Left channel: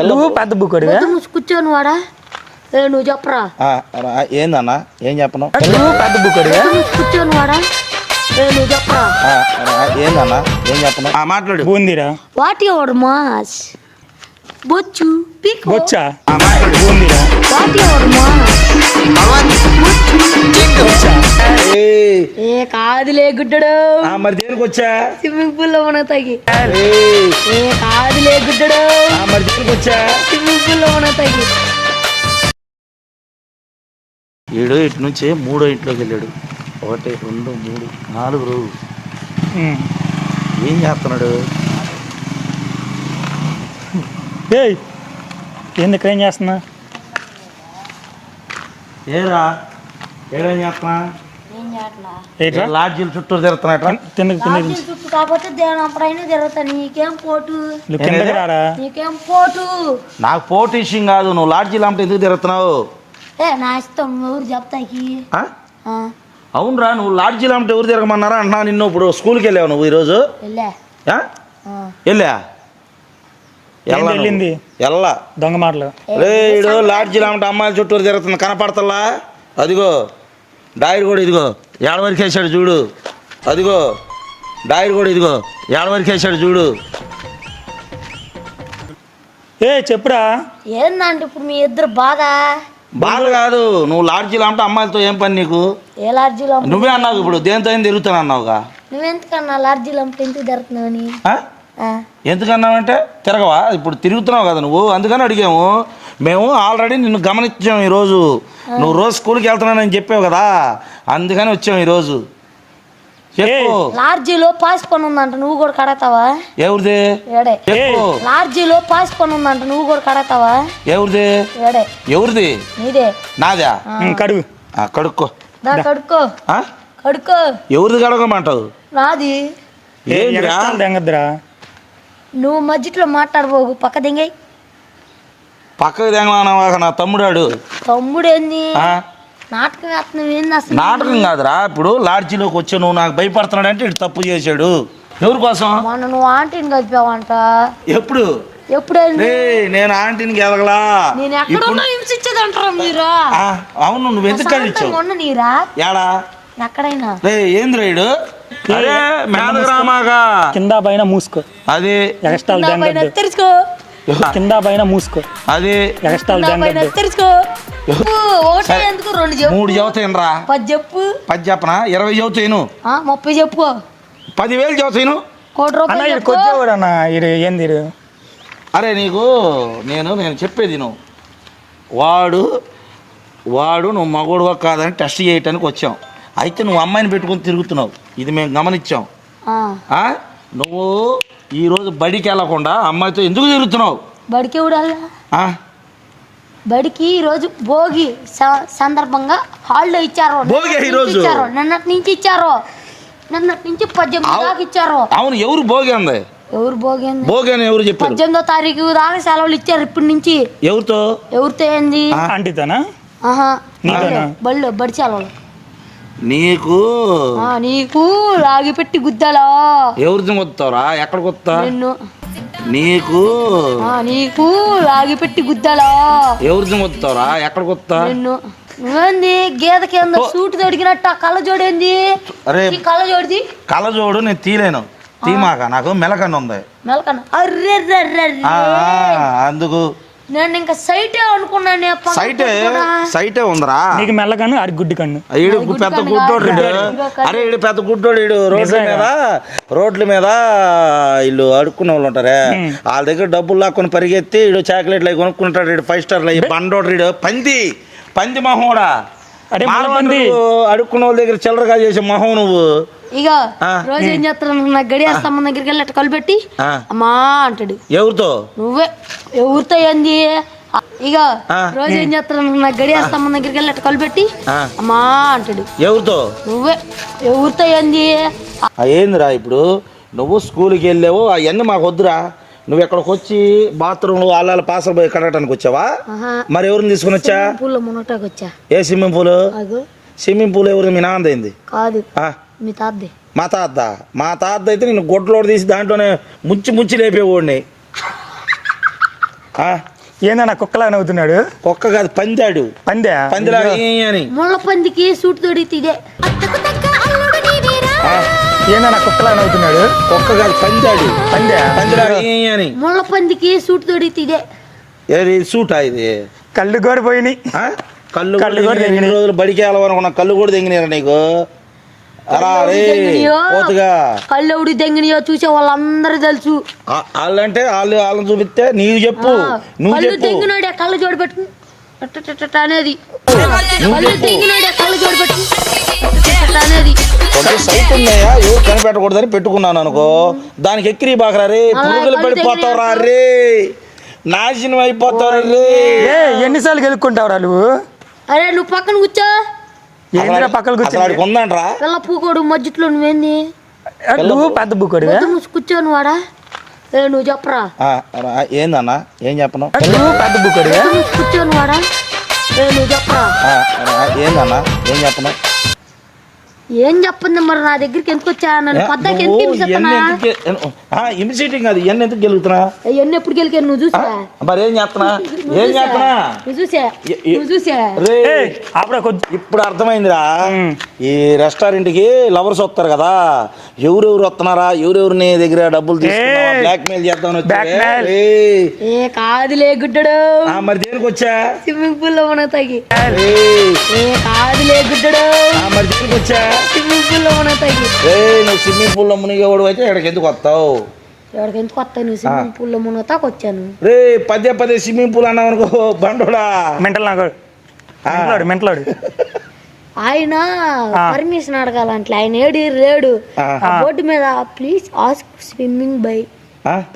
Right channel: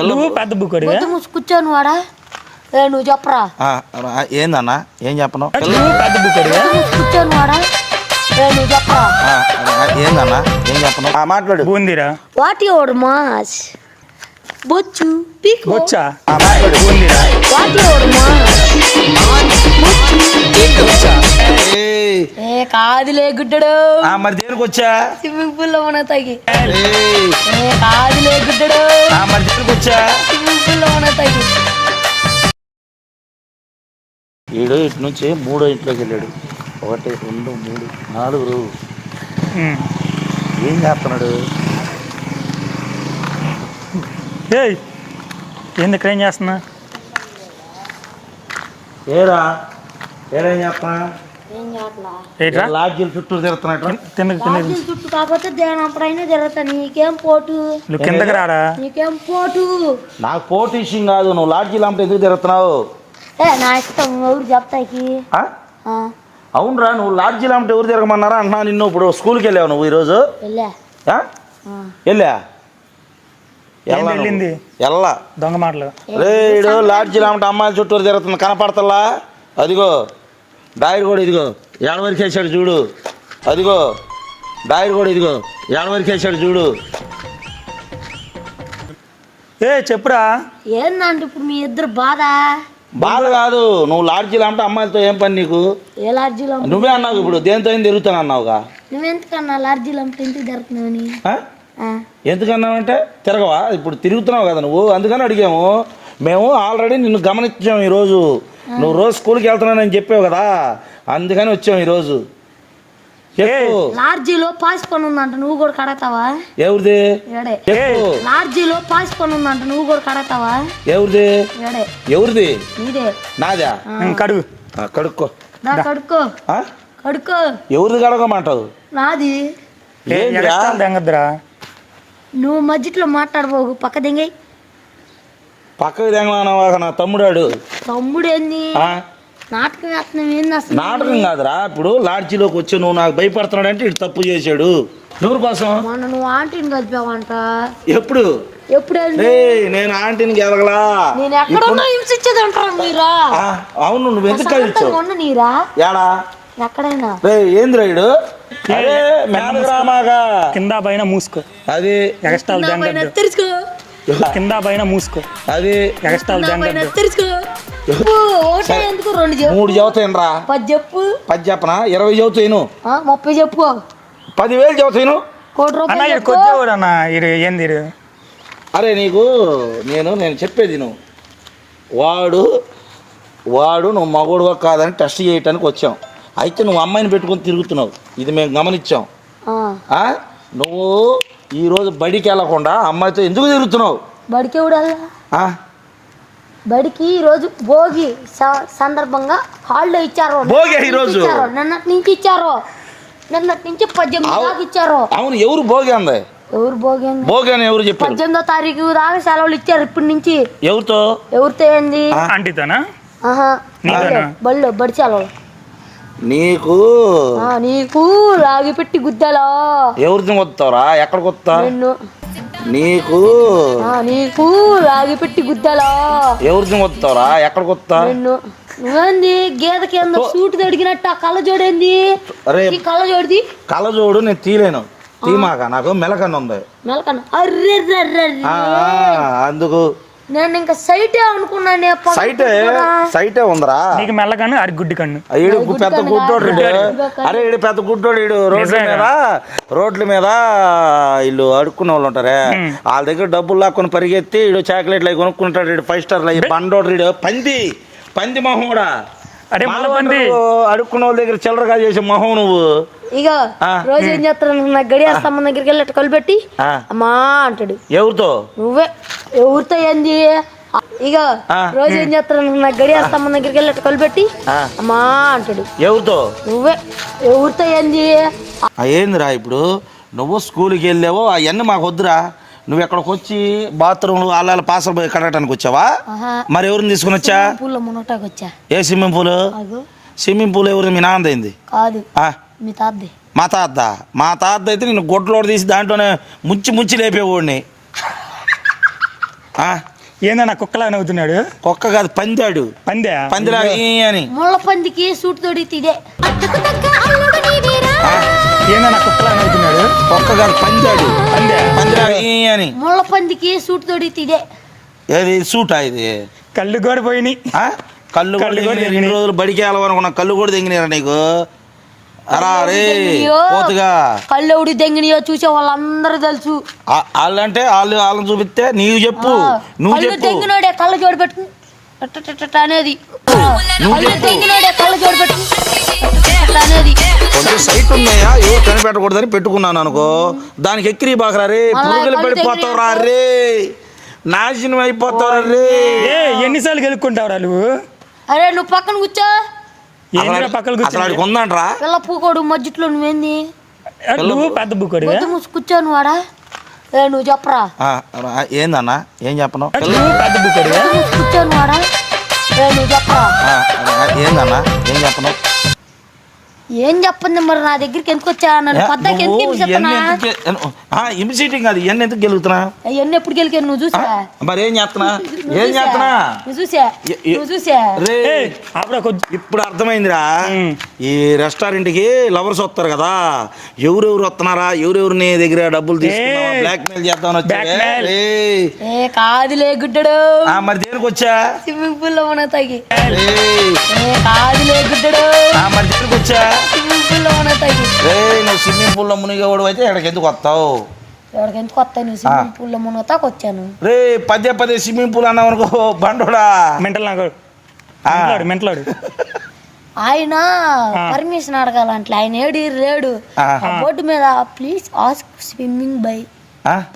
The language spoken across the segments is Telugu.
నువ్వు పెద్ద మూసి కూర్చోను వాడా. ఏ నువ్వు చెప్పరా. ఏందన్నా? ఏం చెప్పను? నువ్వు పెద్ద మూసి కూర్చోను వాడా. ఏ నువ్వు చెప్పరా. ఏందన్నా? ఏం చెప్పను? ఆ, మాట్లాడు. బూందిరా? What your mass. బొచ్చు పీక్. బొచ్చా? బూందిరా. What your mass. బొచ్చా? ఏయ్, ఏ కాదులే గుడ్డడు. ఆ, మరి దేనికి వచ్చా? స్విమ్మింగ్ పూల్లో మన తగి ఏ కాదులే గుడ్డడు. మరి వచ్చా మన తగి వీడు ఇటు నుంచి మూడో ఇంట్లోకి వెళ్ళాడు. ఒకటి రెండు మూడు నాలుగు రోజు. ఏం చేస్తున్నాడు? ఏయ్ ఏంది ఇక్కడ ఏం చేస్తున్నా? ఏరా ఏడేం చేస్తున్నా? ఏట్రా? లాడ్జీలు చుట్టూ తిరుగుతున్నట్టు చుట్టూ కాకపోతే తిరుగుతా. నీకేం పోటు? నువ్వు కిందకి నీకేం పోటు? నాకు పోటీ ఇష్యం కాదు నువ్వు లాడ్జీలు అంటే ఎందుకు తిరుగుతున్నావు? ఏ నా ఇష్టం ఎవరు చెప్తాకి ఆ? ఆ, అవునరా నువ్వు లాడ్జీలు అంటే ఎవరు తిరగమన్నారా? అంటున్నావు నిన్ను ఇప్పుడు స్కూల్కి వెళ్ళావు నువ్వు ఈరోజు? వెళ్ళే. ఆ? ఆ. వెళ్ళా? ఏంది వెళ్ళింది? ఎల్లా దొంగ మాటలు. లాడ్జీలు అంటే అమ్మాయిల చుట్టూరు తిరుగుతుంది కనపడతల్లా అదిగో డాయర్ కూడా ఇదిగో. ఏడ వరకు వేసాడు చూడు. అదిగో డాయర్ కూడా ఇదిగో. ఏడ వరకు వేసాడు చూడు. ఏ చెప్పురా. ఏందంటే ఇప్పుడు మీ ఇద్దరు బాధ? బాధ కాదు నువ్వు లాడ్జీలు అంటే అమ్మాయిలతో ఏం పని నీకు? ఏ లార్జీలో నువ్వే అన్నావు ఇప్పుడు దేంతో ఏం తిరుగుతాను అన్నావుగా? నువ్వెందుకన్నా లార్జీలో అమ్ముకుంటే ఎందుకు? ఆ, ఎందుకన్నావంటే తిరగవా? ఇప్పుడు తిరుగుతున్నావు కదా నువ్వు అందుకని అడిగాము. మేము ఆల్రెడీ నిన్ను గమనించాం ఈరోజు. నువ్వు రోజు స్కూల్కి వెళ్తున్నానని చెప్పావు కదా. అందుకని వచ్చాం ఈరోజు. చెప్పు. లార్జీలో పాస్ పని ఉందంట నువ్వు కూడా కడతావా? ఎవరిది? లార్జీలో పాస్ పని ఉందంట నువ్వు కూడా కడతావా? ఎవరిది? ఎవరిది? నీదే. నాదా? కడుగు. కడుక్కో. దా కడుక్కో. ఆ? కడుక్కో. ఎవరిది కడగమంటావు? నాది. నువ్వు మధ్యలో మాట్లాడబోకు పక్క దింగై పక్కకు తెంగనా నా తమ్ముడాడు. తమ్ముడు ఏంది ఆ? నాటకం కాదురా ఇప్పుడు లాడ్జీలోకి వచ్చి నువ్వు నాకు భయపడుతున్నాడంటే ఇటు తప్పు చేశాడు. ఎవరి కోసం? నువ్వు ఆంటీని కలిపావంట. ఎప్పుడు? ఎప్పుడైంది రే నేను ఆంటీని గెలగలా అవును నువ్వు ఎందుకు కలిచావు? ఏంది రైడు కింద పైన మూసుకో. అది తెంగద్దు తెరుచుకో కింద పైన మూసుకో. అది ఎందుకు రెండు చెప్పు మూడు చదువుతాను రా పది చెప్పు. పది చెప్పనా? ఇరవై చదువుతాను ఆ, ముప్పై చెప్పు. పదివేలు చదువుతాను కోటి అన్న ఇది కొచ్చేవాడు అన్న ఇది ఏంది అరే నీకు నేను నేను చెప్పేది నువ్వు వాడు వాడు నువ్వు మగోడుగా కాదని టెస్ట్ చేయటానికి వచ్చాం. అయితే నువ్వు అమ్మాయిని పెట్టుకొని తిరుగుతున్నావు. ఇది మేము గమనించాం. ఆ, నువ్వు ఈరోజు బడికి వెళ్ళకుండా అమ్మాయితో ఎందుకు తిరుగుతున్నావు? బడికి ఎవడు ఆ? బడికి ఈ రోజు భోగి స- సందర్భంగా హాలిడే ఇచ్చారు. భోగి ఈ రోజు? ఇచ్చారు. నిన్నటి నుంచి ఇచ్చారు. నిన్నటి నుంచి పద్దెనిమిది దాకా ఇచ్చారు. అవును ఎవరు భోగి అంది? ఎవరు భోగి? భోగి అని ఎవరు చెప్పారు? పద్దెనిమిదో తారీఖు దాకా సెలవులు ఇచ్చారు ఇప్పటి నుంచి. ఎవరితో? ఎవరితో ఏంది? ఆంటీతోనా? ఆహా. నీతోనా? బళ్ళు బడి సెలవు. నీకు? నీకు రాగి పెట్టి గుద్దాలా? ఎవరితో కొత్తావురా ఎక్కడికి వస్తా నిన్ను. నీకు? నీకు రాగి పెట్టి గుద్దాలా? ఎవరితో కొత్తావురా ఎక్కడికి వస్తా నిన్ను. ఏంది? గేదె కింద సూట్ తడిగినట్టు? ఆ కళ్ళ జోడేంది? అరే ఈ కళ్ళ జోడిది? కళ్ళజోడు నేను తీలేను తీమాక నాకు మెలకన్న. ఉంది మెలకన్న అర్రే అందుకు నేను ఇంకా సైటే అనుకున్నాను సైటే సైటే ఉందిరా. నీకు మెల్ల కన్ను అది గుడ్డి కన్ను. ఈడు పెద్ద గుడ్డోడు. అరే ఈడు పెద్ద గుడ్డోడు ఈడు. రోడ్ల మీద రోడ్ల మీద వీళ్ళు అడుక్కునే వాళ్ళు ఉంటారే. వాళ్ళ దగ్గర డబ్బులు లాక్కొని పరిగెత్తి ఈడు చాక్లెట్లు అవి కొనుక్కుంటాడు ఈడు. ఫైవ్ స్టార్ బండోడు ఈడు. పంది పంది మొహోడా. అరే మళ్ళీ పంది. అడుక్కున్న వాళ్ళ దగ్గర చిల్లరగా చేసే మొహం నువ్వు. ఇక. రోజు ఏం చేస్తాను నాకు గడియాస్తమ్మ దగ్గరికి వెళ్ళి అట్ట కలిపెట్టి అమ్మా అంటాడు. ఎవరితో? నువ్వే. ఎవరితో ఏంది? ఇక. రోజు ఏం చేస్తాను నాకు గడియాస్తమ్మ దగ్గరికి వెళ్ళి అట్ట కలిపెట్టి అమ్మా అంటాడు. ఎవరితో? నువ్వే. ఎవరితో ఏంది? ఆ, ఏందిరా ఇప్పుడు? నువ్వు స్కూల్కి వెళ్ళావు అవన్నీ మాకు వద్దురా. నువ్వు ఎక్కడికి వచ్చి బాత్రూంలో ఆళ్ళ పాసలు పోయి కడగటానికి వచ్చావా? మరి ఎవరిని తీసుకుని వచ్చా? పూల వచ్చా. ఏ స్విమ్మింగ్ పూల్? స్విమ్మింగ్ పూల్ ఎవరు మీ నాన్నదైంది కాదు. ఆ, మీ తాతది? మా తాత. మా తాత అయితే నేను గొడ్లోడు తీసి దాంట్లోనే ముంచి ముంచి లేపేవాడిని. ఆ, ఏందన్నా కుక్కలా నవ్వుతున్నాడు? కుక్క కాదు పందాడు. పందే? అని. ముళ్ళ పందికి సూట్ తొడిగితే ఇదే. ఏందన్నా కుక్కలా నవ్వుతున్నాడు? కుక్క కాదు పందాడు. పందే? పందిరా ఈ అని. ముళ్ళ పందికి సూట్ తొడిగితే ఇదే. ఏది సూటా ఇది? కళ్ళు కూడా పోయినాయి. ఆ? కళ్ళు కళ్ళు కూడా. రెండు రోజులు బడికి వెళ్ళాలనుకున్న కళ్ళు కూడా తెంగినారా నీకు? అలా రే తెంగినాయో. పోతుగా. కళ్ళు ఎవడు దెంగినాయో చూసే వాళ్ళందరూ తెలుసు. ఆ- వాళ్ళంటే వాళ్ళు వాళ్ళని చూపిస్తే నీవు చెప్పు నువ్వు కళ్ళు చెప్పు. దెంగినాడే కళ్ళు జోడు పెట్టు. అట్టట్టట్ట అనేది. కళ్ళు దెంగినాడే కళ్ళు జోడు పెట్టు. అట్టట్టట్ట అనేది. సైట్ ఉన్నాయా ఏ కనిపెట్టకూడదని పెట్టుకున్నాను అనుకో. దానికి ఎక్కిరి బాకరా రే మళ్ళా పురుగులు కళ్ళు పడిపోతావురా రే. నాశనం రే. ఎన్నిసార్లు గెలుక్కుంటావురా నువ్వు? అరే నువ్వు పక్కన కూర్చో. ఏందిరా పక్కన కూర్చొని ఉందంట్రా? పిల్ల పూకోడు మధ్యలో నువ్వేంది? నువ్వు పెద్ద మూసి కూర్చోను వాడా? ఏ నువ్వు చెప్పరా? ఏందన్నా? ఏం చెప్పను? నువ్వు పెద్ద మూసి కూర్చోను వాడా? ఏ నువ్వు చెప్పరా? ఏందన్నా? ఏం చెప్పను? ఏం చెప్పింది మరి నా దగ్గరికి ఎందుకు వచ్చా నన్ను పద్దాకి ఎందుకు నువ్వు చెప్పనా ఎన్ని ఎందుకు- ఇమిసేటింగ్ గెలుగుతున్నా? ఎన్ని ఎప్పుడు గెలికాను నువ్వు చూసా? మరి ఏం చేస్తున్నా? ఏం చేస్తున్నా? నువ్వు చూసా? నువ్వు చూసా? రే ఇప్పుడు అర్థమైందిరా. ఈ రెస్టారెంట్కి లవర్స్ వస్తారు కదా ఎవరెవరు వస్తున్నారా? ఎవరెవరు నీ దగ్గర డబ్బులు తీసుకున్నావా? ఏయ్. బ్లాక్ మెయిల్ చేద్దాం. ఏ కాదులే గుడ్డడు. మరి దేనికి వచ్చా స్విమ్మింగ్ పూల్లో ఉన్న తగి. ఏయ్, ఏ కాదులే గుడ్డడు. ఆ, మరి దేనికి వచ్చా స్విమ్మింగ్ పూల్లో నువ్వు స్విమ్మింగ్ పూల్లో మునిగేవాడు అయితే ఇక్కడికి ఎందుకు వస్తావు? ఇక్కడికి ఎందుకు వస్తాను స్విమ్మింగ్ పూల్లో మునగతాకు వచ్చాను. రే పదే పదే స్విమ్మింగ్ పూల్ అన్నావు అనుకో బండోడా. మెంటల్ నాకు. మెంటలాడు మెంటలాడు. ఆయన పర్మిషన్ అడగాలంటే ఆయన ఏడి లేడు బోర్డు మీద please ask swimming by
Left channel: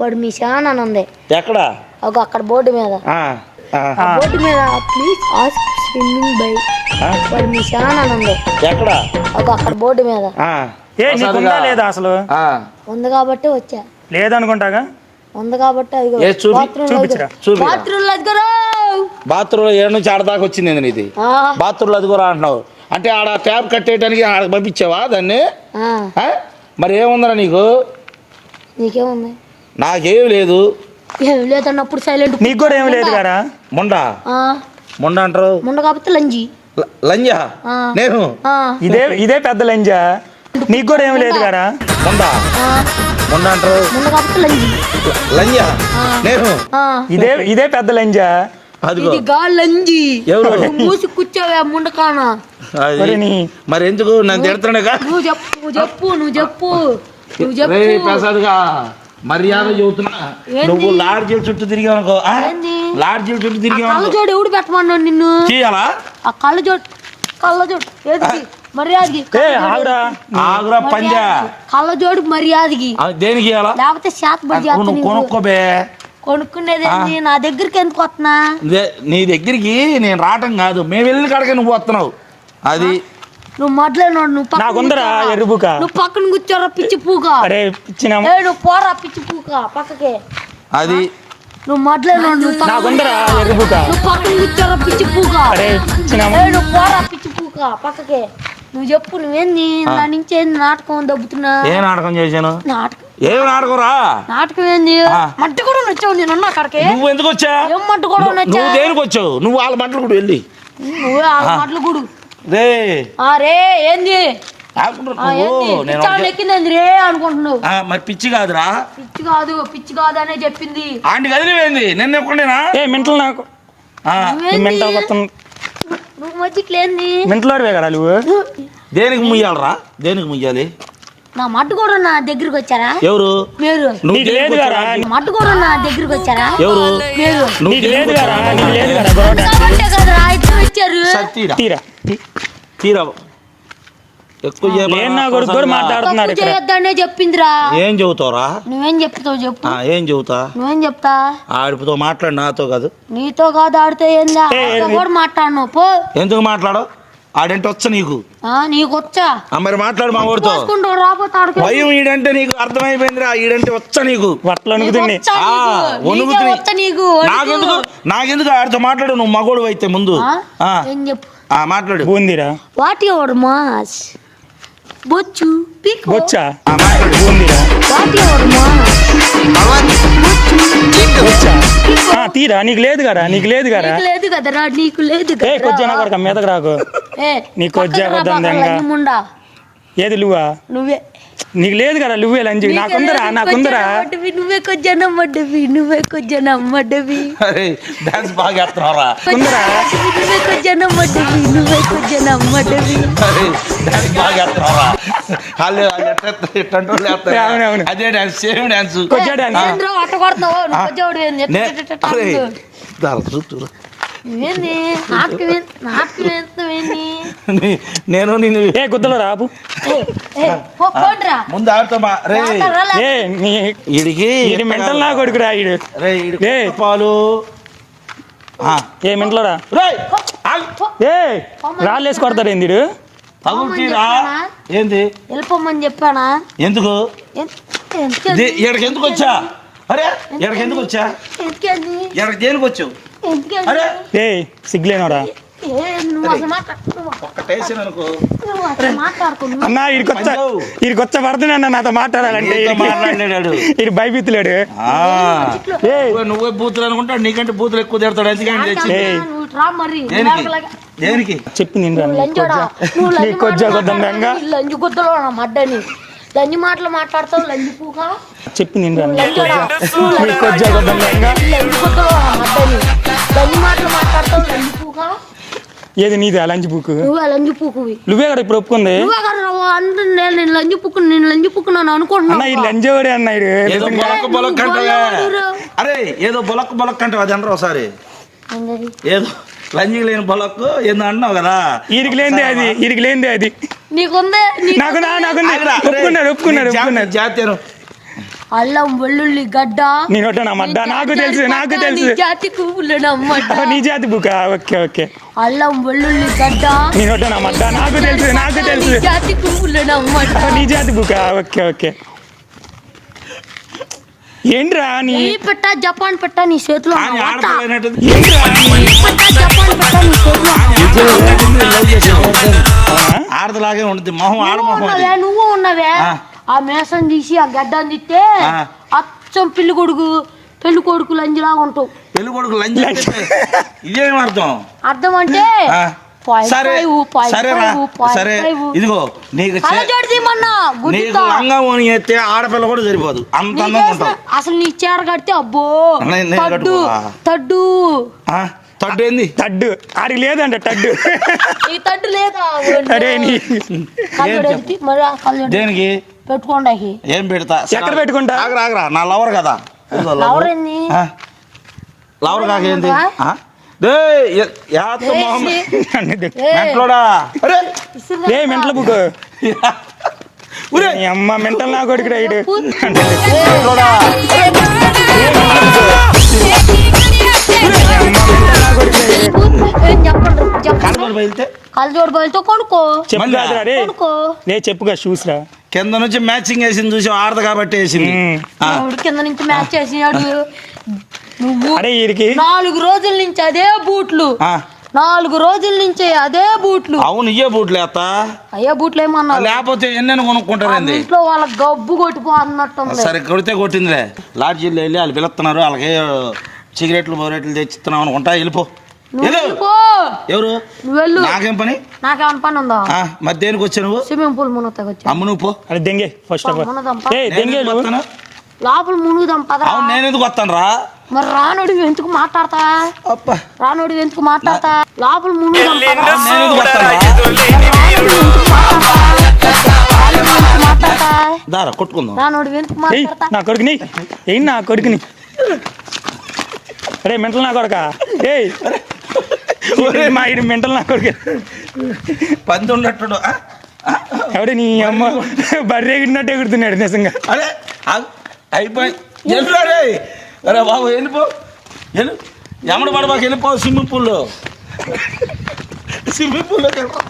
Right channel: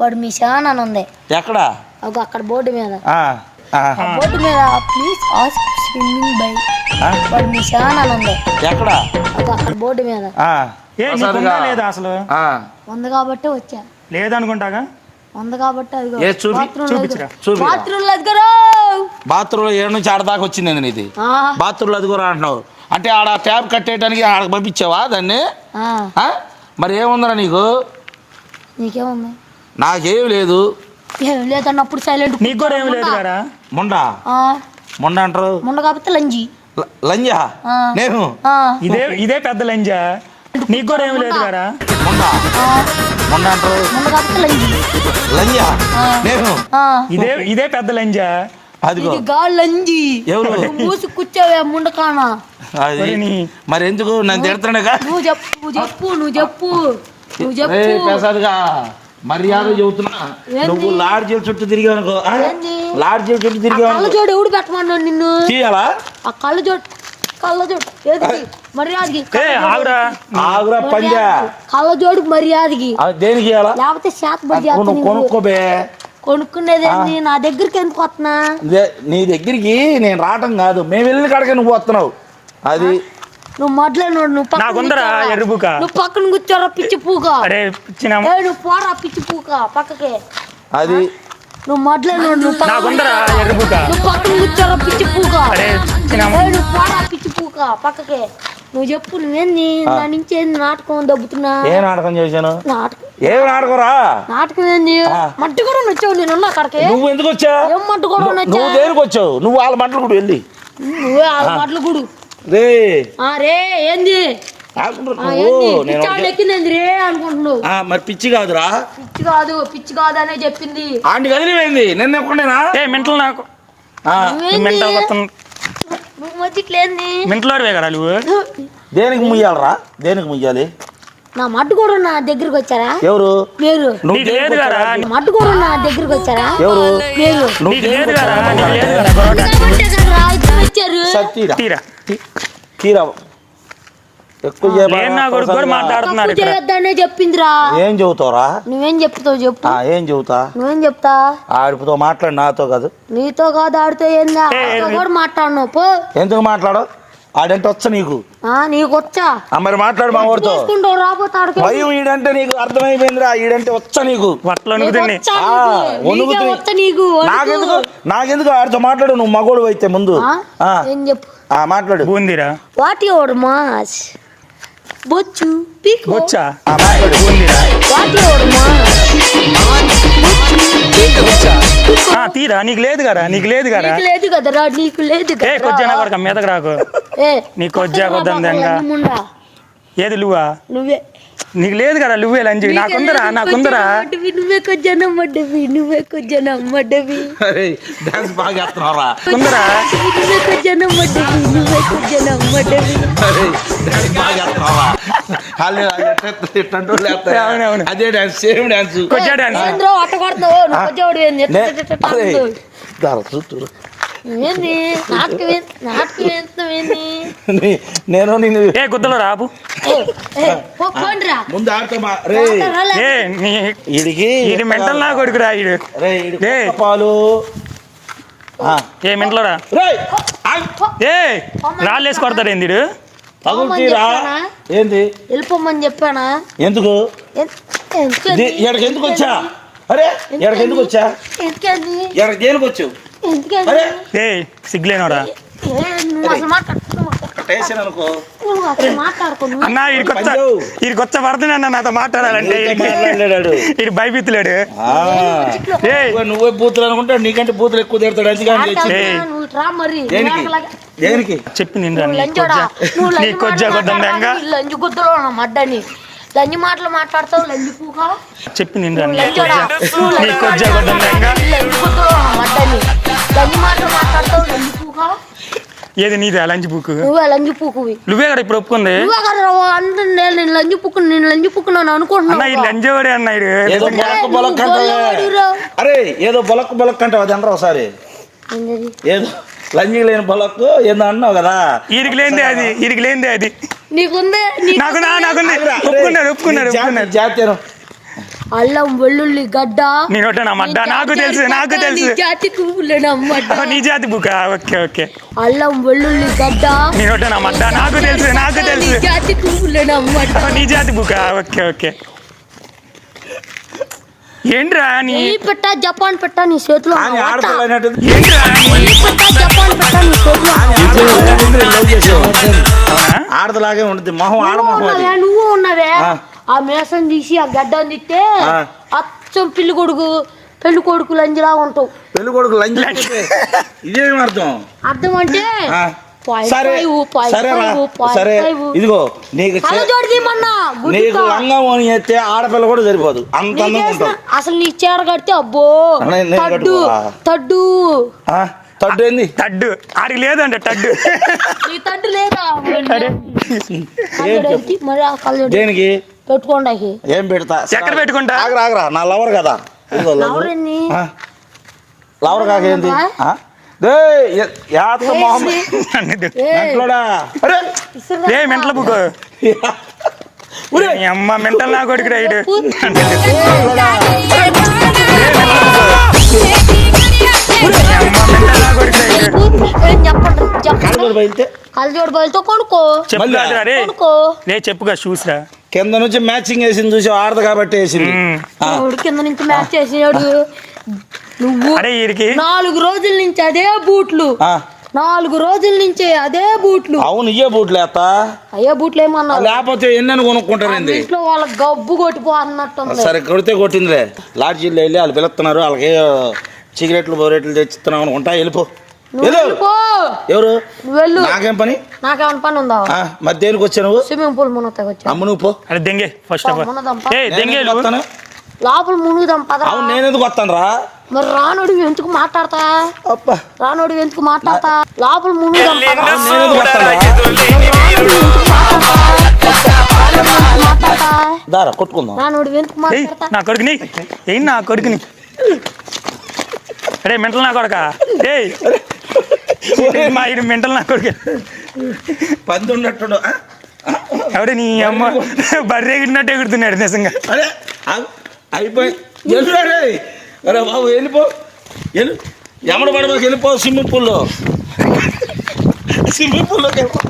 permission అని ఉంది ఎక్కడ? ఒక అక్కడ బోర్డు మీద. బోర్డు మీద ప్లీజ్ ఆస్క్ స్విమ్మింగ్ బై ఆ, పర్మిషన్ అని ఉంది ఎక్కడ? ఒక అక్కడ బోర్డు మీద. ఆ, ఏ నీకు ఉందా లేదా అసలు? ఆ, ఉంది కాబట్టి వచ్చా. లేదనుకుంటాగా? ఉంది కాబట్టి అదిగో ఏ చూపి, బాత్రూమ్ చూపించురా. చూపి. బాత్రూమ్లో అదిగోరా. బాత్రూంలో ఏడు నుంచి ఆడ దాకా వచ్చింది ఏంది నీది? ఆ, బాత్రూంలో అది కూడా అంటున్నావు. అంటే ఆడ ట్యాప్ కట్టేయడానికి పంపించావా దాన్ని? ఆ, ఆ? మరి ఏముందరా నీకు? నీకేముంది? నాకేం లేదు. ఏం లేదన్నప్పుడు సైలెంట్ నీకు కూడా ఏం లేదు కదా మొండ? మొండ అంటారు? ముండ కాబట్టి లంజి. లంజా? ఆ. నేను? ఆ, ఇదే ఇదే పెద్ద లంజా. నీకు కూడా ఏం లేదు కదా మొండ? ఆ, మొండ అంటారు? ముండ కాబట్టి లంజి. లంజా? ఆ. నేను? ఆ, ఇదే ఇదే పెద్ద లంజా. అదిగో. ఇది గా లంజి. ఎవరు? నువ్వు మూసి కూర్చోవే ముండకాన అది మరి నీ మరి ఎందుకు? నన్ను తిడుతున్నాగా నువ్వు చెప్పు నువ్వు చెప్పు నువ్వు చెప్పు నువ్వు చెప్పు. ప్రసాద్గా. మర్యాద చెబుతున్నా? నువ్వు లాడ్జీల చుట్టూ తిరిగావు అనుకో? లాడ్జీల చుట్టూ తిరిగావు కళ్ళ జోడు ఎవడు పెట్టమన్నాడు నిన్ను? తీయాలా? ఆ కళ్ళ జోడు కళ్ళ జోడు. ఏది? మర్యాదకి. ఏ ఆగురా. ఆగురా పంజా. కళ్ళ జోడు మర్యాదకి. దేనికి ఇయ్యాలా? లేకపోతే శాత బడి నువ్వు చేస్తా కొనుక్కోబే కొనుక్కునేది? నా దగ్గరికి ఎందుకు వస్తున్నా? నీ దగ్గరికి నేను రావటం కాదు. మేము వెళ్ళిన కాడకే నువ్వు వస్తున్నావు. అది నువ్వు మొదలైనోడు నువ్వు నాకుందరా. ఎరుబుక నువ్వు పక్కన కూర్చోరా పిచ్చి పూక. అరే ఇచ్చిన ఏ, నువ్వు పోరా పిచ్చి పూక పక్కకే. అది. నువ్వు మొదలైనోడు నువ్వు నాకుందరా ఎరుబుక నువ్వు పక్కన కూర్చోరా పిచ్చి పూక. అరే ఇచ్చిన ఏ, నువ్వు పోరా పిచ్చి పూక పక్కకే. నువ్వు చెప్పు నువ్వేంది నా నుంచి ఏంది నాటకం దబ్బుతున్నా? ఏ నాటకం చేశాను? నాటకం. ఏ నాటకం రా నాటకం ఏంది. మట్టి కూడా నచ్చావు నేను అక్కడికి. నువ్వు ఎందుకు వచ్చా? ఏం మట్టి కూడా నచ్చా నువ్వు దేనికి వచ్చావు? నువ్వు వాళ్ళ మంటలు కూడా వెళ్ళి. నువ్వే ఆ. మాటలు గుడు. రే. రే ఏంది? మరి పిచ్చి కాదురా. పిచ్చి కాదు పిచ్చి కాదు అనే చెప్పింది. ఆంటీ కదిలిపోయింది. నిన్న ఎప్పుడేనా ఏ మెంటల్ నాకు. మెంటల్ మెంటలోడివే కదా నువ్వు? దేనికి ముయ్యాలరా? దేనికి ముయ్యాలి? నా మట్టు కూడా నా దగ్గరికి వచ్చారా? ఎవరు? మీరు నువ్వు నీకు లేదు కదా. నా మట్టు కూడా నా దగ్గరికి వచ్చారా? ఎవరు? నీకు లేదు కదా. నీకు లేదు కదా ఇచ్చారు సరే, తీరా? తీరా. తీ- తీరా. ఎక్కువ చేయబాక. లేని నా కొడుకు కూడా మాట్లాడుతున్నారు తప్పు ఇక్కడ. చేయొద్దనే చెప్పిందిరా. ఏం చెబుతావురా? నువ్వేం చెప్తావు చెప్పు. ఆ, ఏం చెబుతా? నువ్వేం చెప్తా? ఆడితో మాట్లాడు నాతో కాదు. నీతో కాదు ఆడితే ఏందా? ఏ, ఏ, కూడా మాట్లాడను పో. ఎందుకు మాట్లాడు? ఆడంటే వచ్చా నీకు? ఆ, నీకు వచ్చా? ఆ, మరి మాట్లాడు మా ఊరితో. భయం ఈడంటే నీకు అర్థమైపోయిందిరా ఈడంటే వచ్చా నీకు? వణుకుతుంది. వణుకు. నాకెందుకు నాకెందుకు ఆడితో మాట్లాడు నువ్వు మగోడు అయితే ముందు. ఆ? ఆ, ఏం చెప్పు? ఆ, మాట్లాడు. బూందిరా? What your mass? బొచ్చు పీక్. బొచ్చా? బూందిరా? What your mass? తీరా నీకు లేదు కదా నీకు లేదు కదా లేదు కదరా నీకు లేదు ఏ. కొద్దిగా కొడుకు మీదకి రాకు నీకు కొద్దిగా కొద్దిగా. ఏది నువ్వా? నువ్వే. నీకు లేదు కదా నువ్వే లంచి నాకుందరా నాకుందరా నువ్వే కొంచెం నమ్మడ్డవి నువ్వే కొంచెం డాన్స్ బాగా కుందరా నువ్వే కొంచెం నమ్మడ్డవి నువ్వే కొంచెం నమ్మడ్డవి అరే డాన్స్ బాగా వాళ్ళు. అదే డాన్స్ సేమ్ డాన్స్ కొద్దిగా డాన్స్ ఏంద్రో అట్ట కొడుతున్నావు? నువ్వు కొంచెం ఏంది? నేను నిన్ను ఏ గుద్దలు రాపు ముందు ఆడతామా రే. ఏ నీ ఈడికి ఇది మెంటల్ నా కొడుకురా ఈడు. రే. పాలు. ఆ. ఏ మెంటలోరా. ఏ రాళ్ళేసి కొడతాడు ఏంది? ఏంది? వెళ్ళిపోమని చెప్పానా? ఎందుకు? ఎందుకు- వచ్చా? అరే ఎక్కడికి ఎందుకు వచ్చా? ఎక్కడికి వచ్చావు? ఏ నువ్వు. అన్న ఈడికి వచ్చ ఈడికి వచ్చ పడుతున్నాడు నాతో మాట్లాడాలంటే. చిట్లో. ఏ! నువ్వే- బూతులు అనుకుంటా నీకంటే బూతులు ఎక్కువ తిడతాడు దేనికి? చెప్పింది గుద్దలో నా మడ్డని. లంచి మాటలు మాట్లాడతావు పూక? చెప్పింది గుద్దలో మడ్డని. లంచి మాటలు పూక ఏది నీది లంచ్ బుక్ నువ్వే లంచి పూకువి నువ్వే కదా ఇప్పుడు ఒప్పుకుంది? నువ్వే కదా రా, అందరూ నేను లంచి పూకు నేను లంచి పూకున్నాను అన్న అనుకుంటున్నాను ఈ లంచోడే అన్న ఈడు. ఏదో బొలక్ బొలక్ అంటావే. అరే ఏదో బొలక్ బొలక్ అంటావు అది అనరా ఒకసారి? ఏదో లంజి లేని బొలక్ ఏందో అన్నావు కదా? ఈడికి లేనిదే అది ఈడికి లేనిదే అది. నీకుందే? నీ- నాకు నా నాకుంది? ఆగురా, ఒప్పుకున్నాడు ఒప్పుకున్నాడు జాతీయం అల్లం వెల్లుల్లి గడ్డ నీ నోట నా మడ్డ నాకు తెలుసు నాకు తెలుసు జాతి పువ్వులనమ్మడ్డ ఓ, నీ జాతి బుక్ ఓకే ఓకే అల్లం వెల్లుల్లి గడ్డ నీ నోట నా మడ్డ నాకు తెలుసు నాకు తెలుసు జాతి పువ్వులనమ్మడ్డ ఓ, నీ జాతి బుక్ ఓకే ఓకే ఏంట్రా నీ ఈ పెట్ట జపాన్ పెట్ట నీ చేతిలో ఏంట్రా ఆడదలాగే ఉంటుంది మొహం ఆడమొహం అది. నువ్వు ఉన్నవే ఆ. మేసం తీసి ఆ గడ్డని తిట్టే. అచ్చం పెళ్ళి కొడుకు పెళ్ళి కొడుకు లంజిలా ఉంటావు. పెళ్ళి కొడుకు లంచ్ ఇదేం అర్థం? అర్థం అంటే సరే సరేరా సరే. ఇదిగో నీకు నీకు. లంగం ఎత్తే ఆడపిల్ల కూడా సరిపోదు. అంత అసలు నీ చీర కడితే అబ్బో తడ్డు కట్టుకోవా? తడ్డు. ఆ, తడ్డు ఏంది? టడ్డు ఆడికి లేదంట తడ్డు. లేదా? దేనికి? పెట్టుకోండి ఏం పెడతా? ఎక్కడ పెట్టుకుంటా? ఆగరా ఆగరా నా లవర్ కదా. లవర్. కాకేంది మెంటల బుక్ అమ్మ మెంటల్ నా కొడుకు రైడు బయలుతో కొనుక్కో. చెప్పు మళ్ళా? కాదురా రే కొనుక్కో. రే చెప్పుగా చూసిరా. కింద నుంచి మ్యాచింగ్ వేసింది చూసి ఆడదు కాబట్టి వేసింది. ఆ, ఎవడు కింద నుంచి మ్యాచ్ చేసాడు నువ్వు అరే వీడికి నాలుగు రోజుల నుంచి అదే బూట్లు. ఆ, నాలుగు రోజుల నుంచి అదే బూట్లు. అవును ఇయ్యే బూట్లు వేస్తా అయ్యే బూట్లు ఏమన్నా లేకపోతే ఎన్నెన్ని కొనుక్కుంటారండి? ఇంట్లో వాళ్ళ గబ్బు కొట్టిపోతున్నట్టుంది సరే కొడితే కొట్టిందిలే. లాడ్జీలో వెళ్ళి వాళ్ళు పిలుస్తున్నారు. వాళ్ళకి సిగరెట్లు బోరెట్లు తెచ్చిస్తున్నాం అనుకుంటా వెళ్ళిపో. నువ్వు వెళ్ళు. వెళ్ళిపో. ఎవరు? వెళ్ళు. నాకేం పని? నాకేమైనా పని ఉందా? ఆ, మరి దేనికి వచ్చా నువ్వు? స్విమ్మింగ్ పూల్ మునగతాకి వచ్చా. అమ్మ నువ్వు పో. అరే దెంగే ఫస్ట్ ఆఫ్ ఆల్ ఏ దెంగే వస్తాను. లోపల మునుగుదాం పద. అవును నేను ఎందుకు వస్తాను రా? మరి రానుడి ఎందుకు మాట్లాడతా? అబ్బా. రానుడి ఎందుకు మాట్లాడతా? లోపల మునుగుదాం పద. మాట్లాడతా దారా కొట్టుకుందాం. రానుడి ఎందుకు మాట్లాడతా? నా కొడుకుని? ఏం నా కొడుకుని? అరే మెంటల్ నా కొడుక? ఏయ్. మా ఇది మెంటల్ నా కొడుకు. పంది ఉన్నట్టు? ఎవడే నీ అమ్మ బర్రె ఎగిరినట్టు ఎగురుతున్నాడు నిజంగా. ఆగు. అయిపోయి. అరే బాబు వెళ్ళిపో. వెళ్ళు ఎమ్మడి పడ మాకు వెళ్ళిపో స్విమ్మింగ్ పూల్లో. స్విమ్మింగ్ పూల్లోకి వెళ్ళిపో.